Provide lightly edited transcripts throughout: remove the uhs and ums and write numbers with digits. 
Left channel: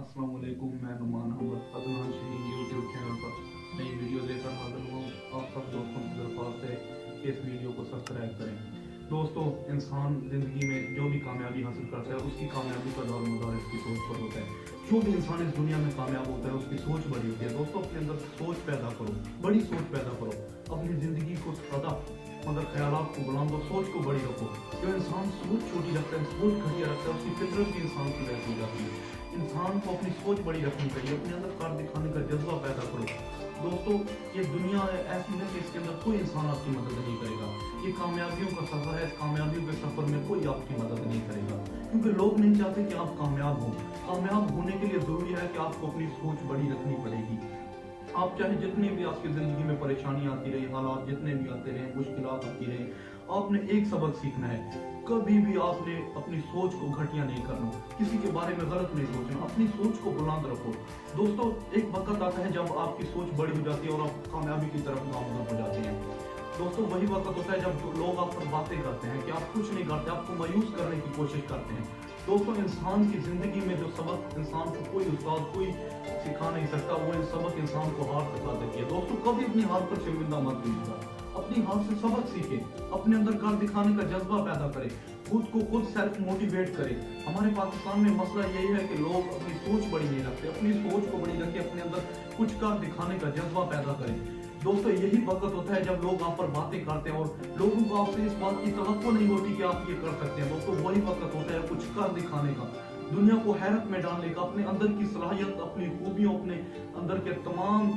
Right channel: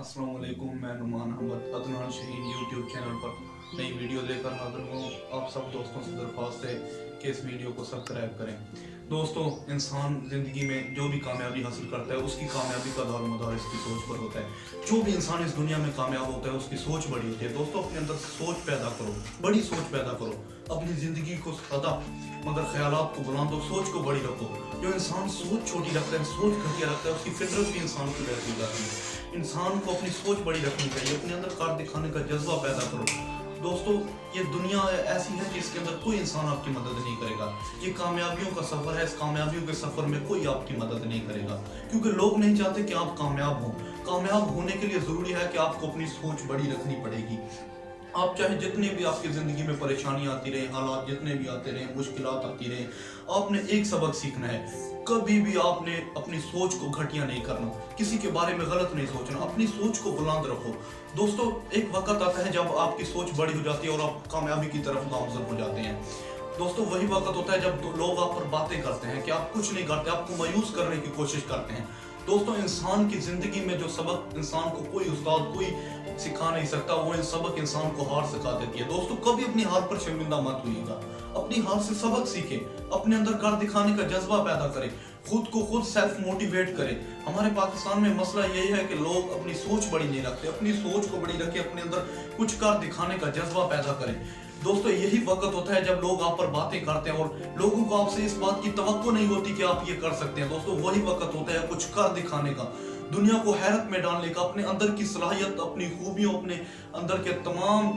अस्सलाम वालेकुम। मैं नुमान अहमद अदनान शहीन यूट्यूब चैनल पर नई वीडियो लेकर हाजिर हूँ। आप सब दोस्तों से दरख्वास्त है कि इस वीडियो को सब्सक्राइब करें। दोस्तों, इंसान ज़िंदगी में जो भी कामयाबी हासिल करता है उसकी कामयाबी का दारोमदार इसकी सोच पर होता है। जो भी इंसान इस दुनिया में कामयाब होता है उसकी सोच बड़ी होती है। दोस्तों, अपने अंदर सोच पैदा करो, बड़ी सोच पैदा करो। अपनी ज़िंदगी को सदा मगर ख्यालात को बुलंद और सोच को बड़ी रखो। जो इंसान सोच छोटी रखता है, सोच घटिया रखता है, उसकी फितरत भी इंसान की वैसी हो जाती है। इंसान को अपनी सोच बड़ी रखनी चाहिए, अपने अंदर कार दिखाने का जज्बा पैदा करो। दोस्तों, ये दुनिया ऐसी है कि इसके अंदर कोई इंसान आपकी मदद नहीं करेगा। ये कामयाबियों का सफ़र है, इस कामयाबियों के सफ़र में कोई आपकी मदद नहीं करेगा, क्योंकि लोग नहीं चाहते कि आप कामयाब हों। कामयाब होने के लिए ज़रूरी है कि आपको अपनी सोच बड़ी रखनी पड़ेगी। आप चाहे जितनी भी आपकी ज़िंदगी में परेशानी आती रहे, हालात जितने भी आते रहे, मुश्किलात आती रहे, आपने एक सबक सीखना है। कभी भी आपने अपनी सोच को घटिया नहीं करना, किसी के बारे में गलत नहीं सोचना, अपनी सोच को बुलंद रखो। दोस्तों, एक वक्त आता है जब आपकी सोच बड़ी हो जाती है और आप कामयाबी की तरफ गामज़न हो जाते हैं। दोस्तों, वही वक्त होता है जब लोग आप पर बातें करते हैं कि आप कुछ नहीं करते, आपको मायूस करने की कोशिश करते हैं। दोस्तों, इंसान की ज़िंदगी में जो सबक इंसान को कोई उस्ताद कोई सिखा नहीं सकता, वो सबक इंसान को हार सिखा देती है। दोस्तों, कभी अपनी हार पर शर्मिंदा मत होइएगा, अपनी हार से सबक सीखें, अपने अंदर कर दिखाने का जज्बा पैदा करें, खुद को खुद सेल्फ मोटिवेट करें। हमारे पाकिस्तान में मसला यही है कि लोग अपनी सोच बड़ी नहीं रखते। अपनी सोच को बड़ी रखें, अपने अंदर कुछ कर दिखाने का जज्बा पैदा करें। दोस्तों, यही वक्त होता है जब लोग आप पर बातें करते हैं और लोगों को आपसे इस बात की तवक्को नहीं होती कि आप ये कर सकते हैं। दोस्तों, वही वक्त होता है कुछ कर दिखाने का, दुनिया को हैरत में डालने का, अपने अंदर की सलाहियत, अपनी खूबियों, अपने अंदर के तमाम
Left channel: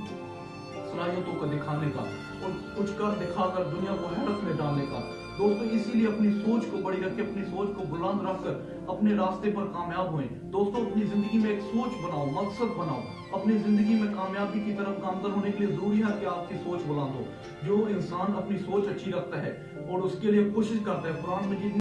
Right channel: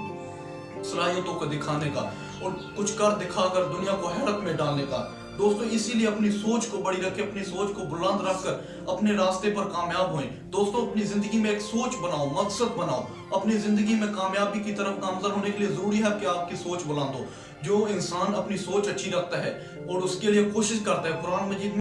सलाहियतों को दिखाने का और कुछ कर दिखाकर दुनिया को हैरत में डालने का। दोस्तों, इसीलिए अपनी सोच को बड़ी रखें, अपनी सोच को बुलंद रखकर अपने रास्ते पर कामयाब होएं। दोस्तों, अपनी जिंदगी में एक सोच बनाओ, मकसद बनाओ। अपनी जिंदगी में कामयाबी की तरफ गामज़न होने के लिए जरूरी है कि आपकी सोच बुलंद हो। जो इंसान अपनी सोच अच्छी रखता है और उसके लिए कोशिश करता है, कुरान मजीद